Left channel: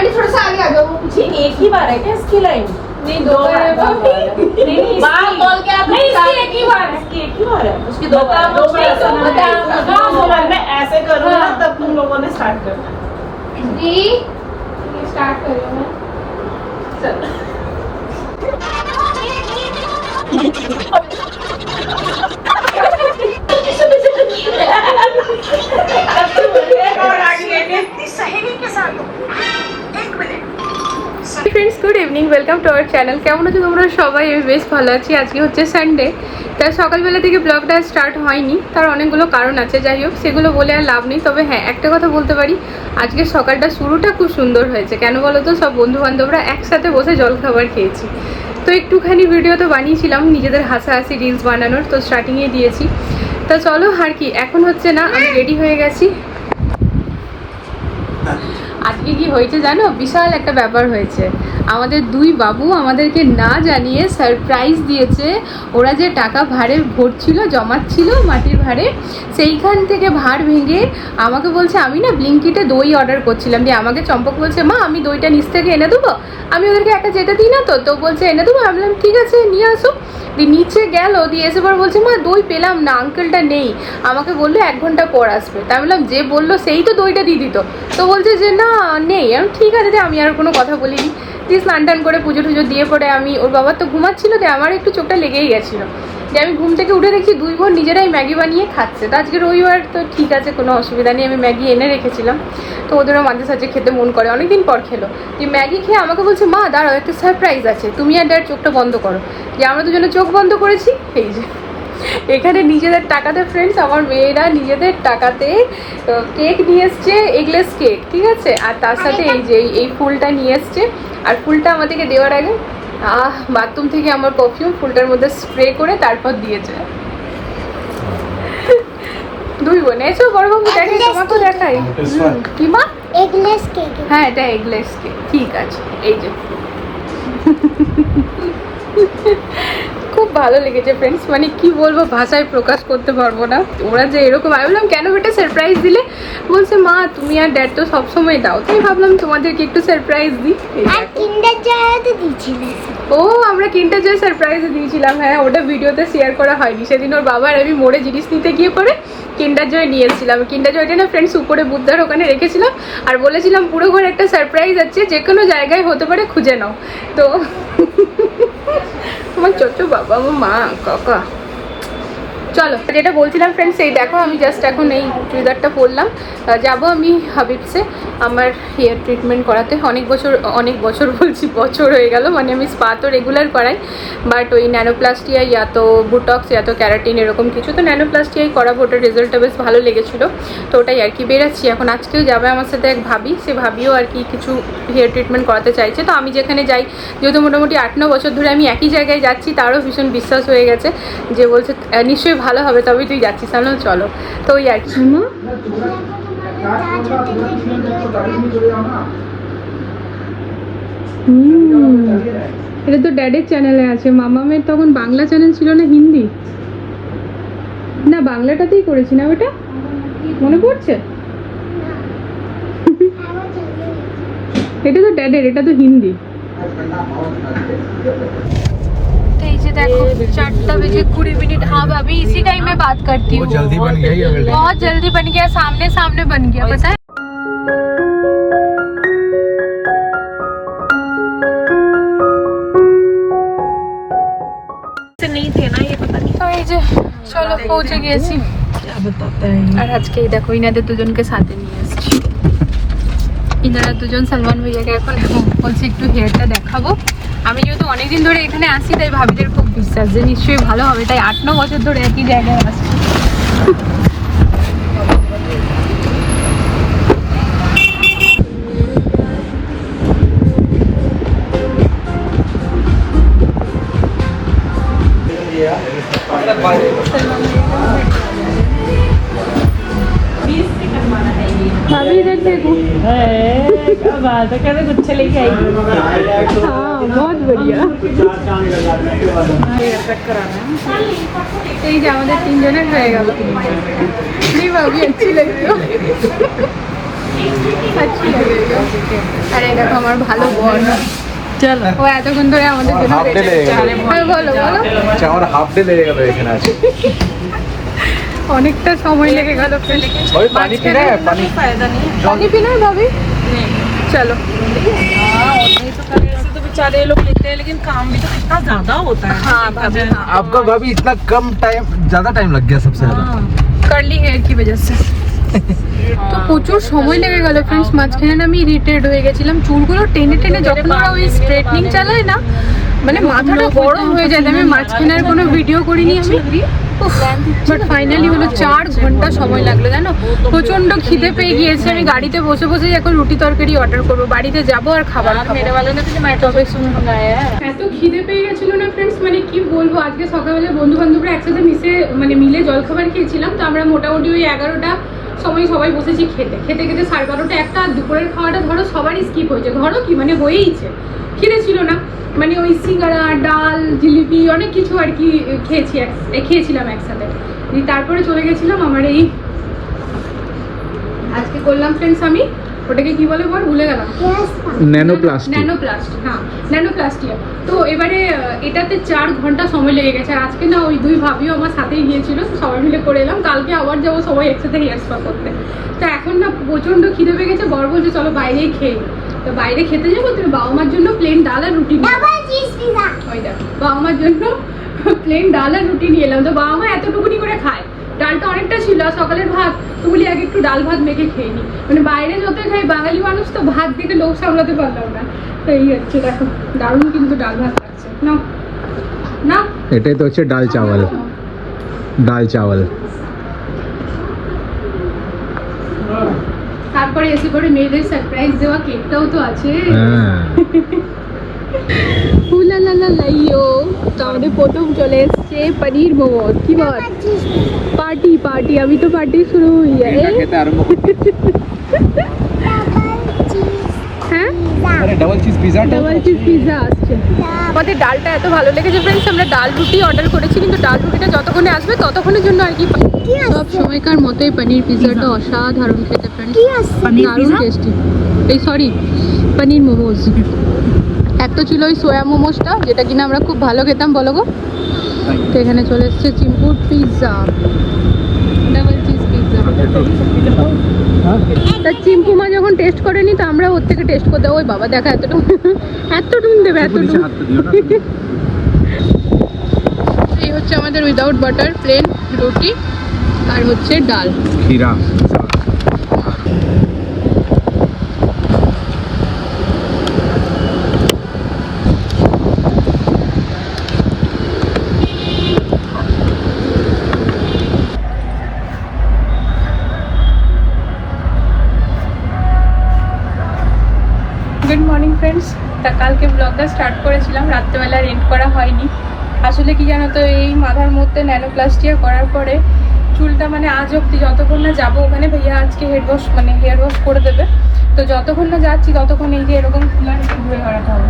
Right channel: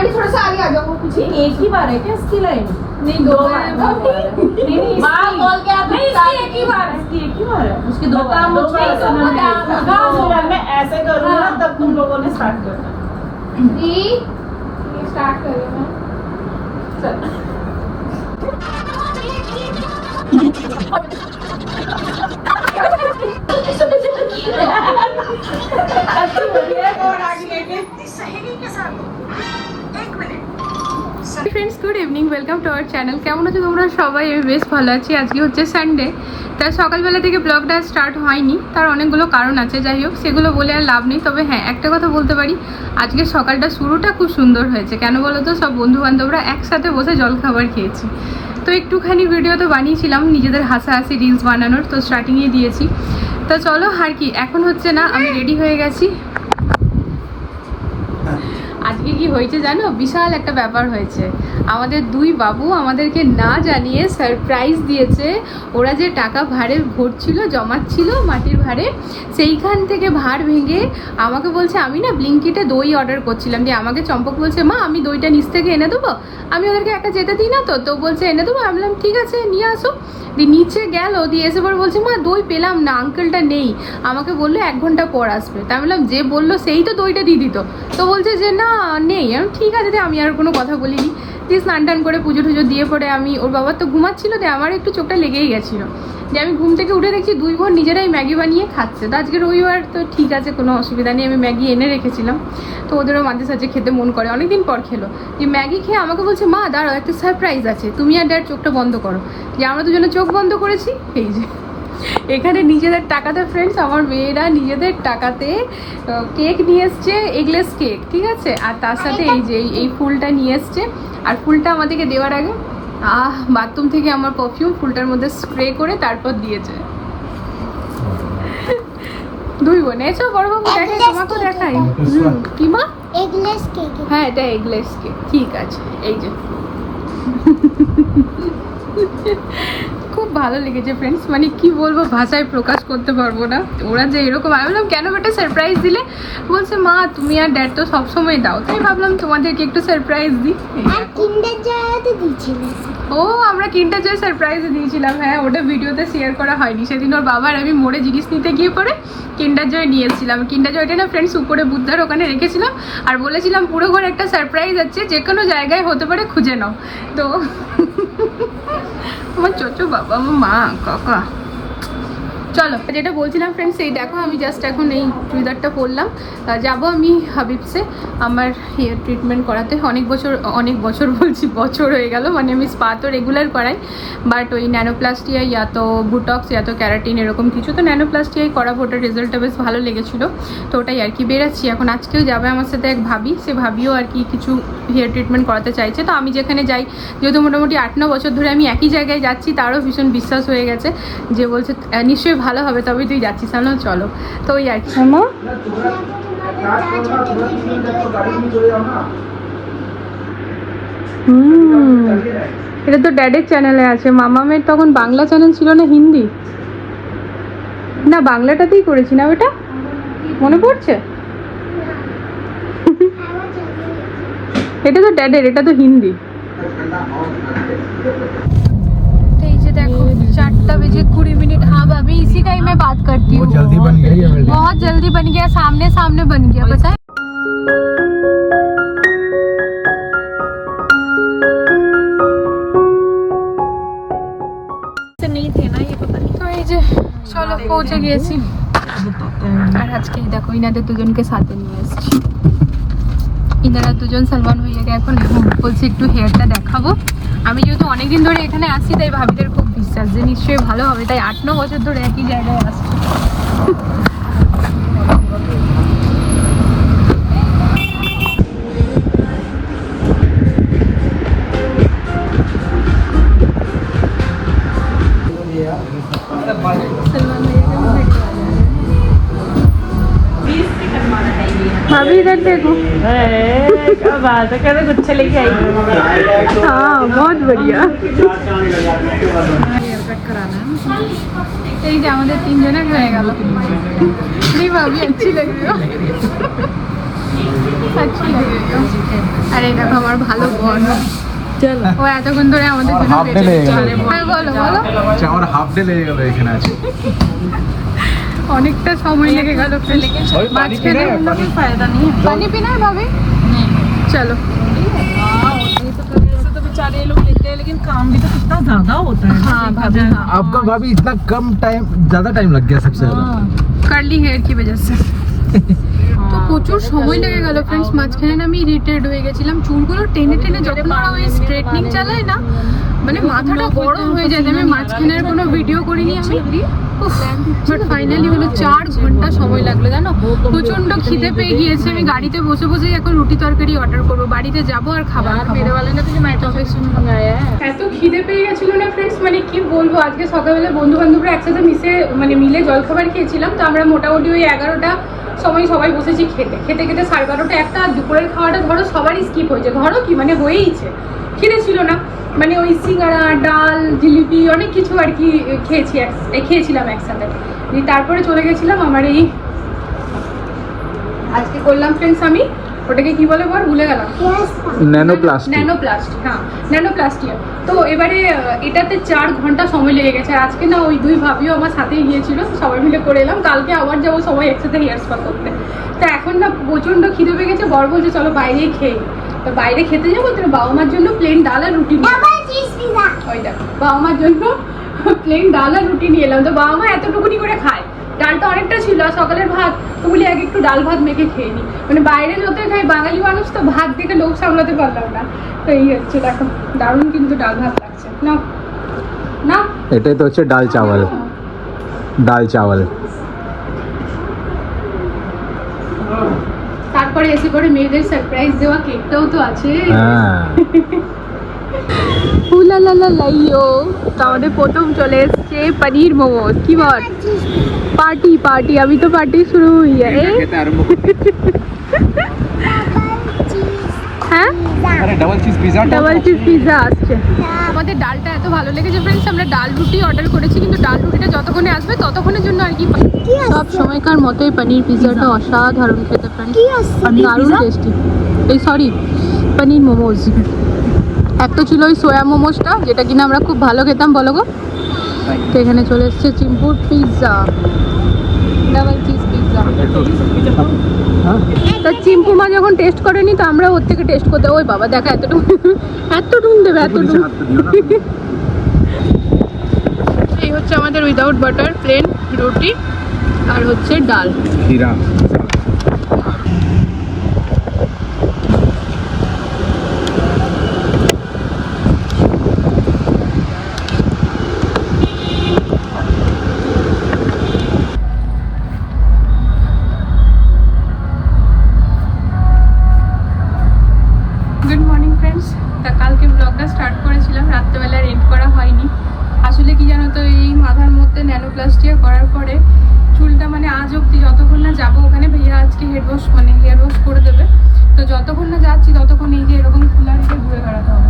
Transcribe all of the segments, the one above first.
Aunty थोड़ा सा आगे आ जाओ। जी एक ही बार है क्या इसकी लाइन नहीं दो बार नहीं नहीं बोल के आप नहीं इसकी एक ही बार है इसकी एक ही बार। है उसकी दो बार दो बार हाँ, दो बार। मैं ऐसे करूँगा हाँ। तब तुम लोगों ने स्टार्ट करना थ्री स्टार्ट कर रही हूँ चलो। Friends good evening welcome to our channel কেমন আছো তোমরা? সবাই, আমি বেশ ভালো আছি। আজকে হচ্ছে সানডে তাই সকালবেলা থেকে ব্লগটা স্টার্ট হয়নি। তার অনেকগুলো কারণ আছে। যাই হোক, সেগুলো বলে আর লাভ নেই। তবে হ্যাঁ একটা কথা বলতে পারি। আজকে সকালটা শুরুটা খুব সুন্দর হয়েছে। কেন বলো তো? সব বন্ধু বান্ধবরা একসাথে বসে জলখাবার খেয়েছি। তো একটুখানি ভিডিও তো বানিয়েছিলাম। নিজেদের হাসাহাসি রিলস বানানোর। তো স্টার্টিংয়ে দিয়েছি। তো চলো, আর কি? এখন হচ্ছে না, আমি রেডি হয়ে গেছি। আজকে কি হয়েছে জানো? বিশাল একটা ব্যাপার হয়েছে। আমাদের দুই বাবু আমাদেরকে না জানিয়ে সারপ্রাইজ দিয়েছে। ওরা যে টাকা ভাড়ে ভরছিল জমাচ্ছিল মাটির ভাড়ে, সেইখান থেকে ভাড় ভেঙে আমাকে বলছে, আমি না ব্লিঙ্কিটে দই অর্ডার করছিলাম। দিয়ে আমাকে চম্পক বলছে, মা, আমি দইটা নিচ থেকে এনে দেবো? আমি ওদেরকে একটা যেতে দিই না তো? তো বলছে, এনে দেবো? আমি বললাম, ঠিক আছে, নিয়ে আসো। দিয়ে নিচে গেল, দিয়ে এসে পর বলছে, মা, দই পেলাম না আঙ্কেলটা নেই। আমাকে বলল, এক ঘণ্টা পর আসবে। তাই বললাম, যে বলল, সেই তো দইটা দিয়ে দিত। তো বলছে যে, না, নেই। আমি ঠিক আছে আমি আর কোনো কথা বলিনি। দিয়ে স্নান টান করে পুজো টুজো দিয়ে পরে আমি, ওর বাবার তো ঘুমাচ্ছিল দিয়ে আমার একটু চোখটা লেগেই গেছিল। যে আমি ঘুম থেকে উঠে দেখছি দুই বোন নিজেরাই ম্যাগি বানিয়ে খাচ্ছে। তো আজকে রবিবার তো ঠিক আছে, কোনো অসুবিধা নেই, আমি ম্যাগি এনে রেখেছিলাম। তো ওদেরও মাঝে সাঝে খেতে মন করে, অনেকদিন পর খেলো। যে ম্যাগি খেয়ে আমাকে বলছে, মা, দাঁড়াও, একটা সারপ্রাইজ আছে। তুমি আর ড্যাড চোখটা বন্ধ করো। যে আমরা দুজনে চোখ বন্ধ করেছি, এই যে। এখানে নিজেদের টাকাতে ফ্রেন্ডস আমার মেয়েরা নিজেদের টাকাতে কেক নিয়ে এসছে এগলেস কেক ঠিক আছে? আর তার সাথে এই যে এই- এই ফুলটা নিয়ে এসছে। আর ফুলটা আমাদেরকে দেওয়ার আগে আহ বাথরুম থেকে আমার পারফিউম ফুলটার মধ্যে স্প্রে করে তারপর দিয়েছে। দুই বোন এসো বড়বাবু দেখে তোমাকেও দেখাই। কি মা? এগলেস কেক হ্যাঁ এটা এগলেস কেক ঠিক আছে এই যে। খুব ভালো লেগেছে ফ্রেন্ডস মানে কি বলব ভাষায় প্রকাশ করতে পারব না। ওরা যে এরকম আমি বললাম কেন বেটা সারপ্রাইজ দিলে? বলছে মা তুমি আর ড্যাড তো সবসময় দাও। তাই ভাবলাম তোমাদেরকে একটু সারপ্রাইজ দিই। এই দেখো। ও আমরা কিনটা জয় সারপ্রাইজ দিয়েছিলাম। হ্যাঁ ওটা ভিডিওতে শেয়ার করা হয়নি। সেদিন ওর বাবার আমি মোড়ে জিনিস নিতে গিয়ে পরে কিন্ডার জয় নিয়ে এসেছিলাম। কিন্ডার জয়টা না ফ্রেন্ডস উপরে বুদ্ধার ওখানে রেখেছিলাম। আর বলেছিলাম পুরো ঘরে একটা সারপ্রাইজ আছে। যে কোনো জায়গায় হতে পারে খুঁজে নাও। তো আমার চচো, বাবা মা, কাকা। চলো, যেটা বলছিলাম ফ্রেন্ডস এই দেখো, আমি জাস্ট এখন এই চুড়িদারটা পরলাম। যাব আমি হাবিবসে। আমার হেয়ার ট্রিটমেন্ট করাতে। অনেক বছর অনেক বছর বলছি, বছর হয়ে গেল। মানে আমি স্পা তো রেগুলার করাই। বাট ওই ন্যানোপ্লাস্টিয়া ইয়া তো বুটক্স ইয়া তো ক্যারাটিন এরকম কিছু তো ন্যানোপ্লাস্টিয়াই করাবো ওটার রেজাল্টটা বেশ ভালো লেগেছিলো। তো ওটাই আর কি বেরাচ্ছি। এখন আজকেও যাবে আমার সাথে এক ভাবি সে ভাবিও আর কি কিছু হেয়ার ট্রিটমেন্ট করাতে চাইছে। তো আমি যেখানে যাই যেহেতু মোটামুটি আট ন বছর ধরে আমি একই জায়গায় যাচ্ছি তারও ভীষণ বিশ্বাস হয়ে গেছে যে বলছে নিশ্চয়ই ভালো হবে তবেই তুই যাচ্ছিস তাহলে চলো। তো ওই আর কি মা তাজ হোটেলের ভিডিও হুম এটা তো ড্যাডের চ্যানেলে আছে মামামের তখন বাংলা চ্যানেল ছিল না হিন্দি না বাংলাটাতেই করেছি না ওটা মনে পড়ছে এটা তো ড্যাডের এটা তো হিন্দি तो এই যে দেখো चारटा बजे कुड़ी मिनट हाँ भाभी इसी टाइम में बात करती हूँ जल्दी बन गया ये बिल्डिंग। बहुत जल्दी बन गया सामने सामने बन गया पता है পৌঁছে গিয়েছি। আর আজকে দেখো, ইনাদের দুজনকে সাথে নিয়ে এসেছি। ইনারা দুজন সালমান ভাইয়াকে এখন বলছি, একটু হেয়ারটা দেখাবো। আমি যেহেতু অনেকদিন ধরে এখানে আসি, তাই ভাবিদের খুব বিশ্বাস যে নিশ্চয়ই ভালো হবে। তাই আট ন বছর ধরে একই জায়গায় আসছি। बात है कहते गुच्छे लेके आई हाँ बहुत बढ़िया এই যে আমাদের তিনজনের হয়ে গেল नहीं भाभी अच्छी लग रही हो अच्छी लगेगा अरे দেখো আমার ভালো বল ও এতক্ষণ ধরে আমাদের জন্য হাফ wait ডে লেগে করছে। গেল হ্যাঁ বলো বলো আচ্ছা আমার হাফ ডে লেগে গেল এখানে আছে অনেকটা সময় লেগে গেল ফ্রেন্ড ওই পানি পিনা है, পানি पानी पीना है भाभी चलो ऐसे तो बेचारे ये लोग लिखते हैं लेकिन काम भी कितना ज्यादा होता है हाँ भाभी हाँ आपका भाभी इतना कम टाइम ज्यादा टाइम लग गया सबसे ज्यादा কার্লি হেয়ার কি वजह से তো প্রচুর সময় লেগে গেল ফ্রেন্ডস মাঝখানে না আমি ইরিটেড হয়ে গেছিলাম চুলগুলো টেনে টেনে যখন ওরা ওই স্ট্রেটনিং চালায় না মানে মাথাটা গরম হয়ে যায়, আমি মাঝখানে আর কোনো ভিডিও করিনি আমি। বাট ফাইনালি হলো চার ঘণ্টা সময় লাগল, জানো? প্রচণ্ড খিদে পেয়ে গিয়েছে, আমি গাড়িতে বসে বসেই এখন রুটি তরকারি অর্ডার করব, বাড়িতে যাব আর খাবার খাব। এত খিদে পেয়ে গেছিল না ফ্রেন্ডস মানে কি বলব, আজকে সকালবেলা বন্ধু বান্ধবরা একসাথে মিশে মানে মিলে জলখাবার খেয়েছিলাম, তো আমরা মোটামুটি ওই এগারোটা সময় সবাই বসেছি খেতে। খেতে খেতে সাড়ে বারোটা একটা দুপুরের খাওয়াটা ধরো সবারই স্কিপ হয়েছে। ধরো কি মানে হয়েইছে। খিদে ছিল না। মানে ওই সিঙ্গারা, ডাল, জিলিপি, অনেক কিছু আর কি খেয়েছি খেয়েছিলাম একসাথে। তারপরে চলে গেছিলাম আমার এই আজকে করলাম ফ্রেন্ডস আমি। ওটাকে কি বলে বল ভুলে গেলাম। ন্যানোপ্লাস্টিক ন্যানোপ্লাস্ট হ্যাঁ ন্যানোপ্লাস্টিয়া তো এবারে এটাতে চার ঘণ্টা সময় লেগে গেছে। আজকে না ওই দুই ভাবিও আমার সাথেই গিয়েছিল সবাই মিলে করে এলাম। কালকে আবার যাব সবাই একসাথে হেয়ার স্পা করতে। তো এখন না প্রচণ্ড খিদে পেয়ে গেছে বর বলছে চলো বাইরেই খেয়ে তো বাইরে খেতে যাব তো বাবা মার জন্য প্লেন ডাল আর রুটি ওই দেখো বাবা মার জন্য প্লেন ডাল আর রুটি নিয়ে এলাম। তো বাবা মা এতটুকুনি করে খায়। ডালটা অনেকটা ছিল আর সকালের ভাত তো বলি আগে একটু ডাল ভাত মেখে খেয়ে নিই মানে বাইরে যতই খাই বাঙালি মানুষ তো ভাত দেখে লোক সামলাতে পারলাম না। তো এই হচ্ছে দেখো দারুণ কিন্তু ডাল ভাত লাগছে। না না এটাই তো হচ্ছে ডাল চাওয়াল। ডাল চাওয়াল। তারপরে এসে পরে মেয়েদের সারপ্রাইজ দেওয়া কেকটাও তো আছে। হ্যাঁ। আমাদের প্রথম চলে এসছে পনির মোমোস কি বল পার্টি পার্টি আমি তো পার্টি শুরু করতে হ্যাঁ ডাবল আমাদের ডালটা এত ভালো আমরা ডাল অর্ডার কিন্তু ডাল রুটিটা যতক্ষণে আসবে ততক্ষণের জন্য আর কি সব সময়কার মতোই পনির অসাধারণ খেতে আছে দারুণ টেস্টি এই সরি পনির মোমোজ একটা ছিল ওই সোয়া মোমোসটা যেটা কিনা আমরা খুব ভালো খেতাম বলো গো। তো এখানে চলে এসছে চিম্পুর পিৎজা ডাবল চিজ পিৎজা তা চিম্পু মা যখন টেস্ট করেনি তো আমরা ওর থেকে টেস্ট করতে ওই বাবা দেখা এতটুকু। এতটুকু দেবে এতটুকু এই হচ্ছে আমাদের উইদাউট বাটার প্লেন রুটি আর হচ্ছে ডাল। খিরা গুড মর্নিং ফ্রেন্ডস তা কালকে ব্লগটা স্টার্ট করেছিলাম রাত্রেবেলা এন্ড করা হয়নি আসলে কি জানো তো এই মাথার মধ্যে ন্যানোপ্লাস্টিয়া করার পরে চুলটা মানে আজ অব্দি যতক্ষণ না যাব ওখানে ভাইয়া আজকে হেড ওয়াশ মানে হেয়ার ওয়াশ করে দেবে। তো যতক্ষণ না যাচ্ছি, ততক্ষণ এই যে এরকম রেখে ঘুরে বেড়াতে হবে।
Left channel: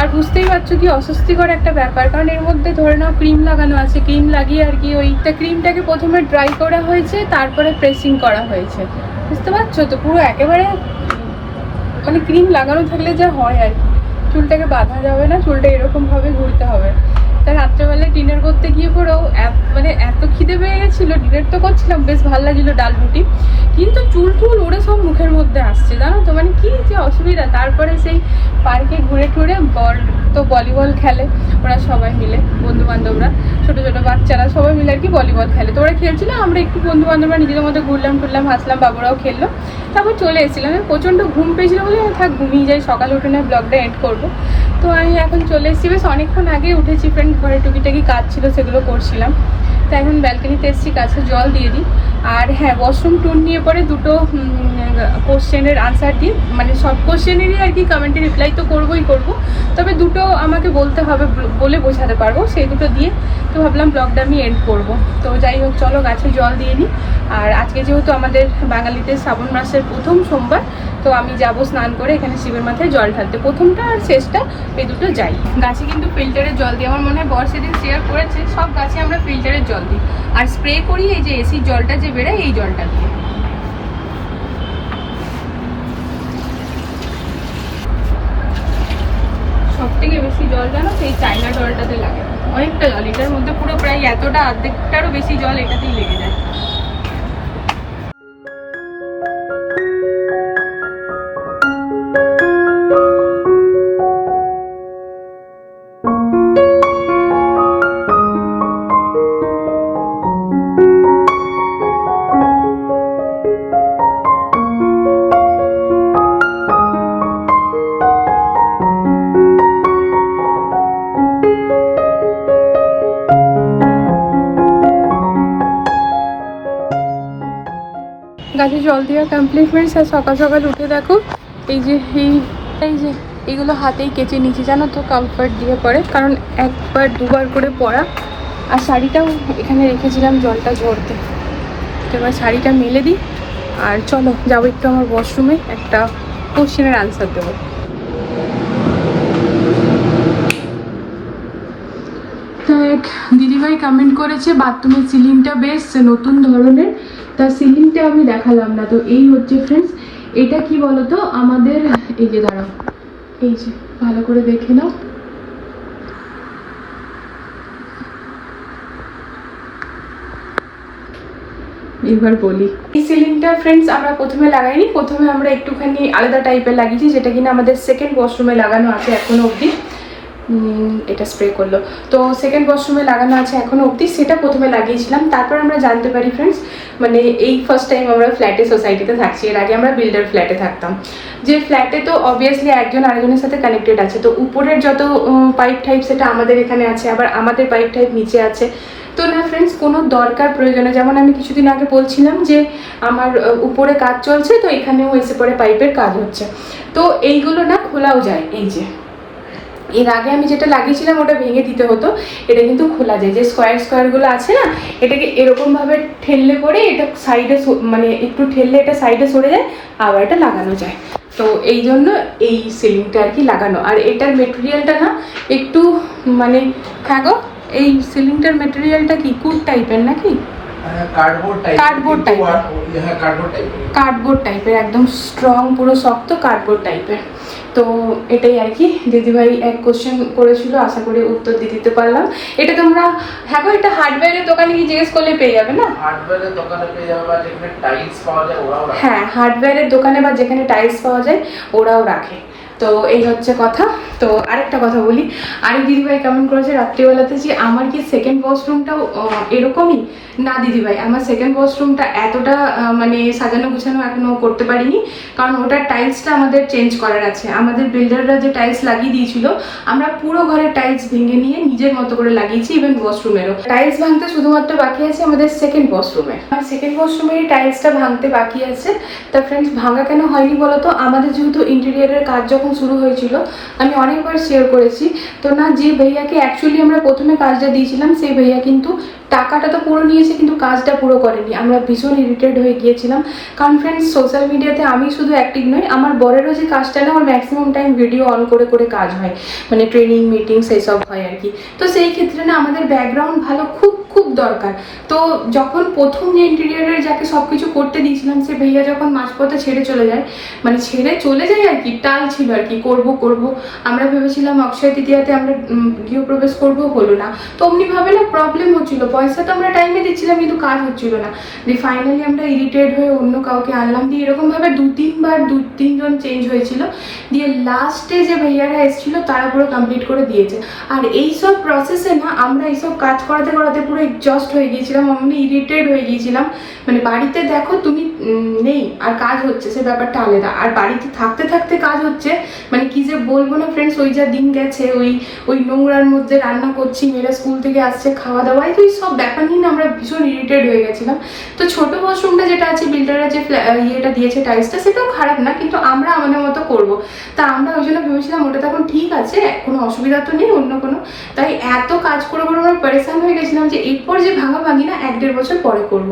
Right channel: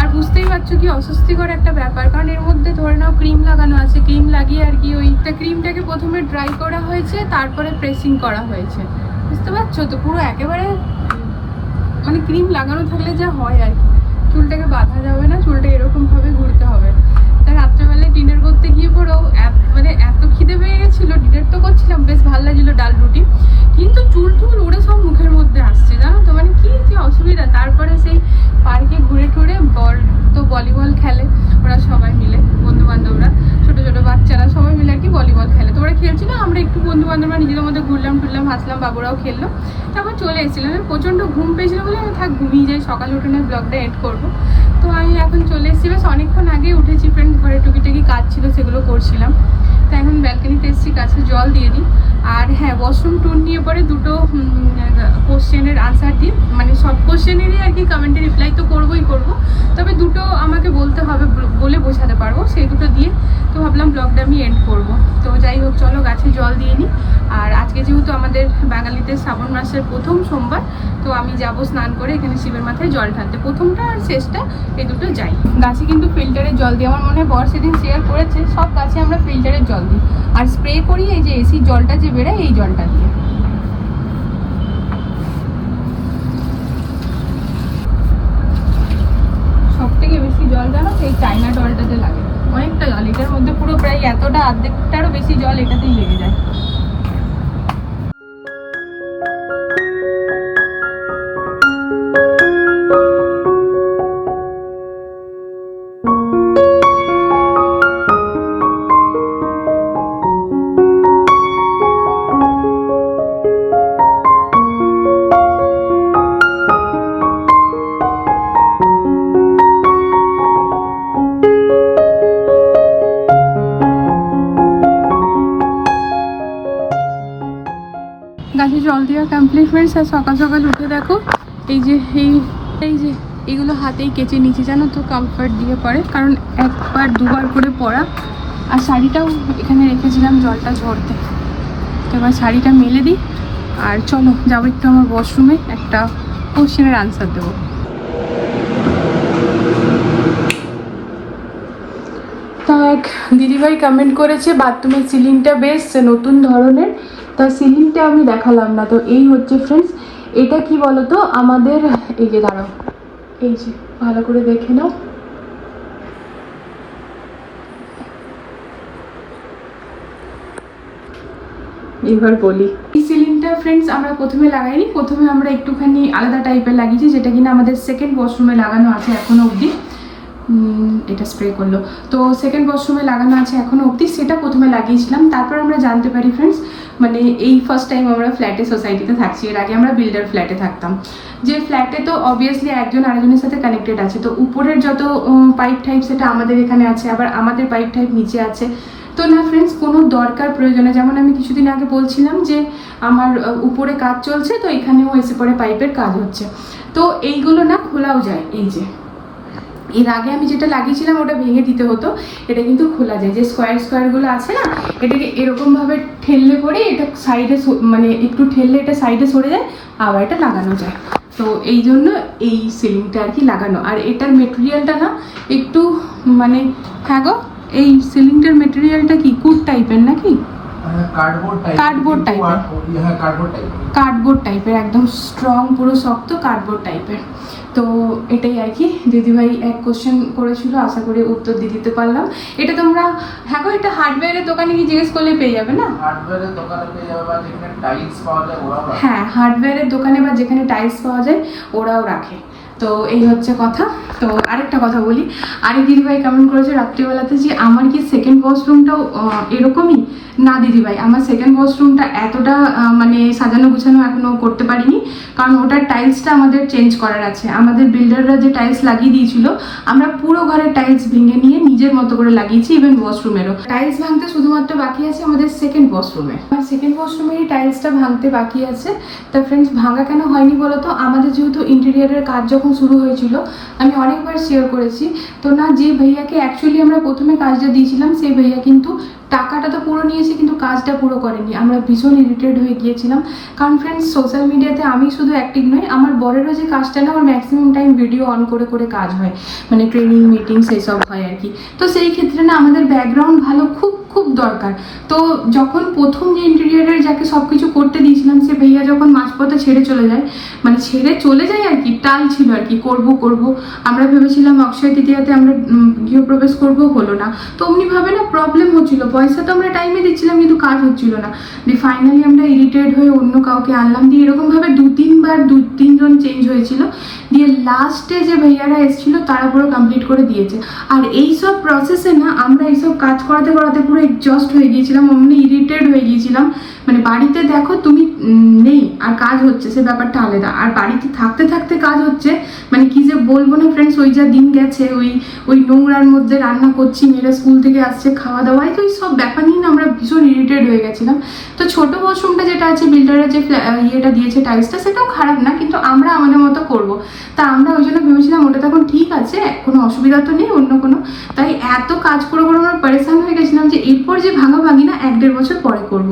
আর বুঝতেই পারছ কি অস্বস্তিকর একটা ব্যাপার, কারণ এর মধ্যে ধরে নাও ক্রিম লাগানো আছে। ক্রিম লাগিয়ে আর কি ওইটা ক্রিমটাকে প্রথমে ড্রাই করা হয়েছে, তারপরে প্রেসিং করা হয়েছে। বুঝতে পারছ তো? পুরো একেবারে মানে ক্রিম লাগানো থাকলে যা হয় আর কি। চুলটাকে বাঁধা যাবে না, চুলটা এরকমভাবে ঘুরতে হবে। তা রাত্রেবেলায় ডিনার করতে গিয়ে পরেও মানে এত খিদে পেয়ে গেছিল। ডিনার তো করছিলাম, বেশ ভালো লাগছিল ডাল রুটি। কিন্তু চুল টুল ওরা সব মুখের মধ্যে আসছে, জানো তো? মানে কি যে অসুবিধা। তারপরে সেই পার্কে ঘুরে টুরে বল, তো ভলিবল খেলে ওরা সবাই মিলে বন্ধু বান্ধবরা ছোটো ছোটো বাচ্চারা সবাই মিলে আর কি ভলিবল খেলে। তো ওরা খেলছিল, আমরা একটু বন্ধু বান্ধবরা নিজেদের মধ্যে ঘুরলাম, টুরলাম, হাসলাম, বাবুরাও খেললো। তারপর চলে এসেছিলাম। প্রচণ্ড ঘুম পেয়েছিল বলে আমি, থাক, ঘুমিয়ে যাই, সকালে উঠে না ব্লগটা এড করব। তো আমি এখন চলে এসেছি। বেশ অনেকক্ষণ আগে উঠেছি ফ্রেন্ড ঘরে টুকিটাকি কাজ ছিল, সেগুলো করছিলাম। তো এখন ব্যালকানিতে এসেছি কাছে জল দিয়ে দিই। আর হ্যাঁ ওয়াশরুম ট্যুর নিয়ে পরে দুটো কোশ্চেনের আনসার দিই। মানে সব কোশ্চেনেরই আর কি কমেন্টে রিপ্লাই তো করবোই করব। তবে দুটো আমাকে বলতে হবে বল- বোঝাতে পারব। সেই দুটো দিয়ে তো ভাবলাম ব্লগটা আমি এন্ড করব। তো যাই হোক, চলো গাছে জল দিয়ে নিই আর আজকে যেহেতু আমাদের বাঙালিদের শ্রাবণ মাসের প্রথম সোমবার, তো আমি যাব স্নান করে এখানে শিবের মাথায় জল ঢালতে। প্রথমটা আর শেষটা, এই দুটো যাই। গাছে কিন্তু ফিল্টারের জল দিই। আমার মনে হয় বর সেদিন শেয়ার করেছে, সব গাছে আমরা ফিল্টারের জল দিই। আর স্প্রে করি এই যে এসির জলটা যে বেরোয় এই জলটা দিয়ে। সব থেকে বেশি জল জানো সেই চাইনা জলটাতে লাগে। অনেকটা জল, এটার মধ্যে পুরো প্রায় এতটা, অর্ধেকটারও বেশি জল এটাতেই লেগে যায়। গাছে জল দেওয়া কমপ্লিট ফ্রেন্ডস আর সকাল সকাল উঠে দেখো, এই যে, এই এই যে, এগুলো হাতেই কেচে নিচে জানো তো কমফর্ট দিয়ে পরে, কারণ একবার, দুবার করে পরা। আর শাড়িটাও এখানে রেখেছিলাম জলটা ঝরতে। তো এবার শাড়িটা মেলে দিই, আর চলো, যাব একটু আমার ওয়াশরুমে একটা কোশ্চেনের আনসার দেবো। এক দিদিভাই কমেন্ট করেছে বাথরুমের সিলিংটা বেশ নতুন ধরনের তা সিলিংটা আমি দেখালাম না, তো এই হচ্ছে ফ্রেন্ডস এটা কি বলতো? আমাদের, এই যে দাঁড়ো এই যে, ভালো করে দেখে নাও। এবার বলি। এই সিলিংটা ফ্রেন্ডস আমরা প্রথমে লাগাইনি, প্রথমে আমরা একটুখানি আলাদা টাইপের লাগিয়েছি, যেটা কিনা আমাদের সেকেন্ড ওয়াশরুমে লাগানো আছে এখনও অবধি। এটা স্প্রে করল। তো সেকেন্ড ওয়াশরুমে লাগানো আছে এখনও অবধি, সেটা প্রথমে লাগিয়েছিলাম। তারপর আমরা জানতে পারি ফ্রেন্ডস মানে এই ফার্স্ট টাইম আমরা ফ্ল্যাটে সোসাইটিতে থাকছি। এর আগে আমরা বিল্ডার ফ্ল্যাটে থাকতাম। যে ফ্ল্যাটে তো অবভিয়াসলি একজন আরেকজনের সাথে কানেক্টেড আছে। তো উপরের যত পাইপ টাইপ সেটা আমাদের এখানে আছে, আবার আমাদের পাইপ টাইপ নিচে আছে। তো না ফ্রেন্ডস কোনো দরকার প্রয়োজনে, যেমন আমি কিছুদিন আগে বলছিলাম যে আমার উপরে কাজ চলছে, তো এখানেও এসে পড়ে পাইপের কাজ হচ্ছে। তো এইগুলো না খোলাও যায়, এই যে। এর আগে আমি যেটা লাগিয়েছিলাম ওটা ভেঙে দিতে হতো। এটা কিন্তু খোলা যায়। যে স্কোয়ার স্কোয়ারগুলো আছে না এটাকে এরকমভাবে ঠেললে পরে এটা সাইডে মানে একটু ঠেললে এটা সাইডে সরে যায় আবার এটা লাগানো যায়। তো এই জন্য এই সিলিংটা আর কি লাগানো। আর এটার মেটেরিয়ালটা না একটু মানে হ্যাঁ গো এই সিলিংটার মেটেরিয়ালটা কি? কুট টাইপের নাকি? কার্ডবোর্ড টাইপ Cardboard type এর। হ্যাঁ কার্ডবোর্ড টাইপ কার্ডবোর্ড টাইপের একদম স্ট্রং পুরো শক্ত কার্ডবোর্ড টাইপের তো এটাই আর কি। দিদিভাই এক কোশ্চেন করেছিল আশা করি উত্তর দিয়ে দিতে পারলাম। এটা তোমরা হ্যাঁ গো এটা হার্ডওয়্যারের দোকানে কি জিজ্ঞেস করলে পেয়ে যাবে না? হার্ডওয়্যারের দোকানে পেয়ে যাবে বা যেখানে টাইলস পাওয়া যায় ওরাও হ্যাঁ হার্ডওয়্যারের দোকানে বা যেখানে টাইলস পাওয়া যায় ওরাও রাখে। তো এই হচ্ছে কথা। তো আরেকটা কথা বলি। আরেক দিদিভাই কেমন করেছে? রাত্রিবেলাতে যে আমার কি সেকেন্ড ওয়াশরুমটাও এরকমই? না দিদিভাই আমার সেকেন্ড ওয়াশরুমটা এতটা মানে সাজানো গুছানো এখনও করতে পারিনি, কারণ ওটার টাইলসটা আমাদের চেঞ্জ করার আছে। আমাদের বিল্ডাররা যে টাইলস লাগিয়ে দিয়েছিল, আমরা পুরো ঘরের টাইলস ভেঙে নিয়ে নিজের মতো করে লাগিয়েছি ইভেন ওয়াশরুমেরও টাইলস ভাঙতে শুধুমাত্র বাকি আছে আমাদের সেকেন্ড ওয়াশরুমে আর সেকেন্ড ওয়াশরুমের টাইলসটা ভাঙতে বাকি আছে। তা ফ্রেন্ডস ভাঙা কেন হয়নি বলতো? আমাদের যেহেতু ইন্টেরিয়ারের কাজ যখন শুরু হয়েছিল, আমি অনেকবার শেয়ার করেছি। তো না, যে ভাইয়াকে অ্যাকচুয়ালি আমরা প্রথমে কাজটা দিয়েছিলাম, সেই ভাইয়া কিন্তু টাকাটা তো পুরো নিয়েছে, কিন্তু কাজটা পুরো করেনি। আমরা ভীষণ ইরিটেড হয়ে গিয়েছিলাম। কারণ ফ্রেন্ডস সোশ্যাল মিডিয়াতে আমি শুধু অ্যাক্টিভ নই, আমার বরেরও যে কাজটা না আমার ম্যাক্সিমাম টাইম ভিডিও অন করে করে কাজ হয়। মানে ট্রেনিং মিটিং সেই সব হয় আর কি। তো সেই ক্ষেত্রে না, আমাদের ব্যাকগ্রাউন্ড ভালো, খুব খুব দরকার। তো যখন প্রথম যে ইন্টেরিয়ারের যাকে সব কিছু করতে দিয়েছিলাম, সে ভাইয়া যখন মাঝপথে ছেড়ে চলে যায় মানে ছেড়ে চলে যায় আর কি, টাল ছিল আর কি, করব করব। আমরা ভেবেছিলাম অক্ষয় তৃতীয়াতে আমরা গৃহপ্রবেশ করব, হলো না। তো অমনিভাবে না প্রবলেম হচ্ছিল। পয়সা তো আমরা টাইমে দিচ্ছিলাম, কিন্তু কাজ হচ্ছিল না। দিয়ে ফাইনালি আমরা ইরিটেড হয়ে অন্য কাউকে আনলাম। দিয়ে এরকমভাবে দু, তিনবার দু, তিনজন চেঞ্জ হয়েছিল। দিয়ে লাস্টে যে ভাইয়ারা এসেছিল, তারা পুরো কমপ্লিট করে দিয়েছে। আর এইসব প্রসেসে না, আমরা এইসব কাজ করাতে করাতে পুরো এক্সস্ট হয়ে গিয়েছিলাম আমি ইরিটেড হয়ে গিয়েছিলাম। মানে বাড়িতে দেখো তুমি নেই, আর কাজ হচ্ছে, সে ব্যাপারটা আলাদা। আর বাড়িতে থাকতে থাকতে কাজ হচ্ছে মানে কি যে বলব না ফ্রেন্ডস ওই যা দিন গেছে, ওই ওই নোংরার মধ্যে রান্না করছি, মেয়েরা স্কুল থেকে আসছে, খাওয়া দাওয়াই তো সব ব্যাপার নিয়ে আমরা ভীষণ ইরিটেড হয়ে গেছিলাম। তো ছোট ওয়াশরুমটা যেটা আছে বিল্ডাররা যে ইয়েটা দিয়েছে টাইলসটা সেটাও খারাপ না, কিন্তু আমরা আমাদের মতো করব। তা আমরা ওই জন্য ভেবেছিলাম, ওটা তখন ঠিক আছে, কোনো অসুবিধা তো নেই, অন্য কোনো। তাই এত কাজ করে করে আমরা পরেশান হয়ে গেছিলাম যে এরপর যে ভাঙা ভাঙি না এক দেড় বছর পরে করব।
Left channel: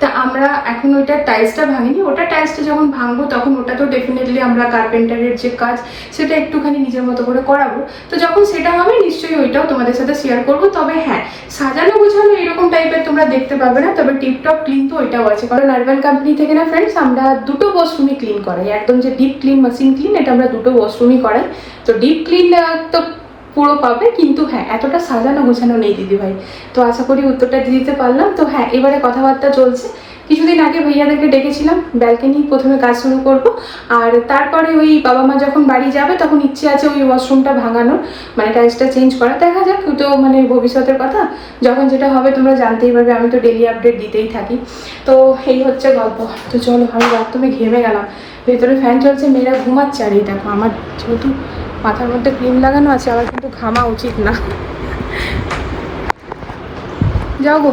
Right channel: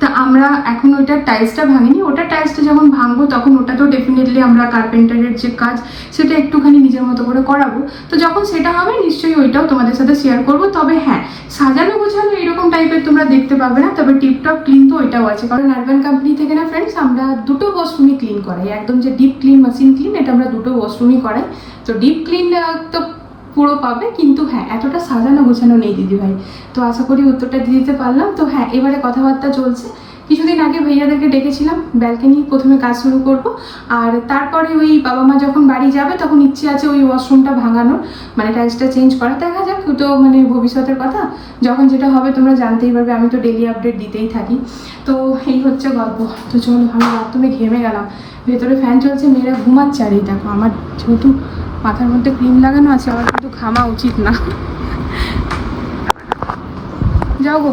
তা আমরা এখন ওইটার টাইলসটা ভাঙিনি, ওটা টাইলসটা যখন ভাঙবো তখন ওটা তো ডেফিনেটলি আমরা কার্পেন্টারের যে কাজ সেটা একটুখানি নিজের মতো করে করাবো। তো যখন সেটা হবে নিশ্চয়ই ওইটাও তোমাদের সাথে শেয়ার করব। তবে হ্যাঁ সাজানো গোছানো এরকম টাইপের তোমরা দেখতে পাবে না, তবে টিপটপ ক্লিন তো ওইটাও আছে। কারণ আরবান কোম্পানি থেকে না ফ্রেন্ডস আমরা দুটো ওয়াশরুমই ক্লিন করাই। একদম যে ডিপ ক্লিন মেশিন ক্লিন এটা আমরা দুটো ওয়াশরুমই করাই। তো ডিপ ক্লিন তো পুরো পাবে, কিন্তু হ্যাঁ এতটা সাজানো গোছানো নেই দিদিভাই তো আশা করি উত্তরটা দিতে পারলাম। তো হ্যাঁ এবারে কথাবার্তা চলছে। কিছুদিন আগে ভাইয়াদেরকে ডেকেছিলাম, ব্যালকনি, প্রথমে কাজ শুরু করব। আর তারপরে ওই বাবা মা যখন বাড়ি যাবে, তখন ইচ্ছে আছে ওই ওয়াশরুমটা ভাঙানোর মানে টাইলসটা চেঞ্জ করা দেখা যাক, তো মানে ভবিষ্যতের কথা। যখন যেটা হবে তোমরা জানতেই পারবে, আমি তো ডেলি আপডেট দিতেই থাকি। তো এই হচ্ছে গল্প। তো চলো, আমি বাথরুমে ঘেমে গেলাম। ভেতরে ফ্যান চলছে, মেয়েরা ঘুমাচ্ছে আর এই দেখো, আমার যেহেতু মাথার মধ্যে ক্রিম লাগানো আছে আমার কিন্তু ঘামা উচিত না। যাও গো।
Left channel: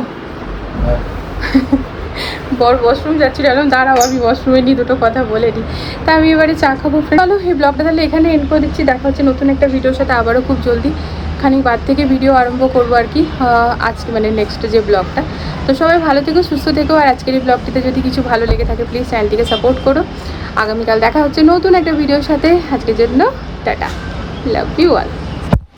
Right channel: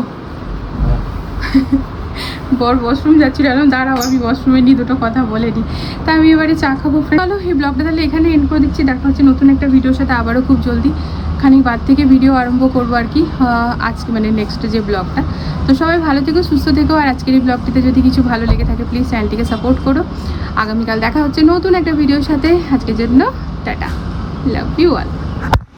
বর ওয়াশরুম যাচ্ছিল এরকম দাঁড়াও, আমি ওয়াশরুমে নিয়ে দুটো কথা বলে দিই তা আমি এবারে চা খাব চলো, এই ব্লগটা তাহলে এখানে এন্ড করে দিচ্ছি। দেখা হচ্ছে নতুন একটা ভিডিওর সাথে আবারও খুব জলদি। খানিক বাদ থেকে ভিডিও আরম্ভ করব আর কি আজকে মানে নেক্সট যে ব্লগটা তো সবাই ভালো থেকো, সুস্থ থেকো, আর আজকের এই ব্লগটিতে যদি কিছু ভালো লেগে থাকে প্লিজ চ্যানেলটিকে সাপোর্ট করো। আগামীকাল দেখা হচ্ছে নতুন একটা ভিডিওর সাথে। আজকের জন্য টাটা লাভ ইউ অল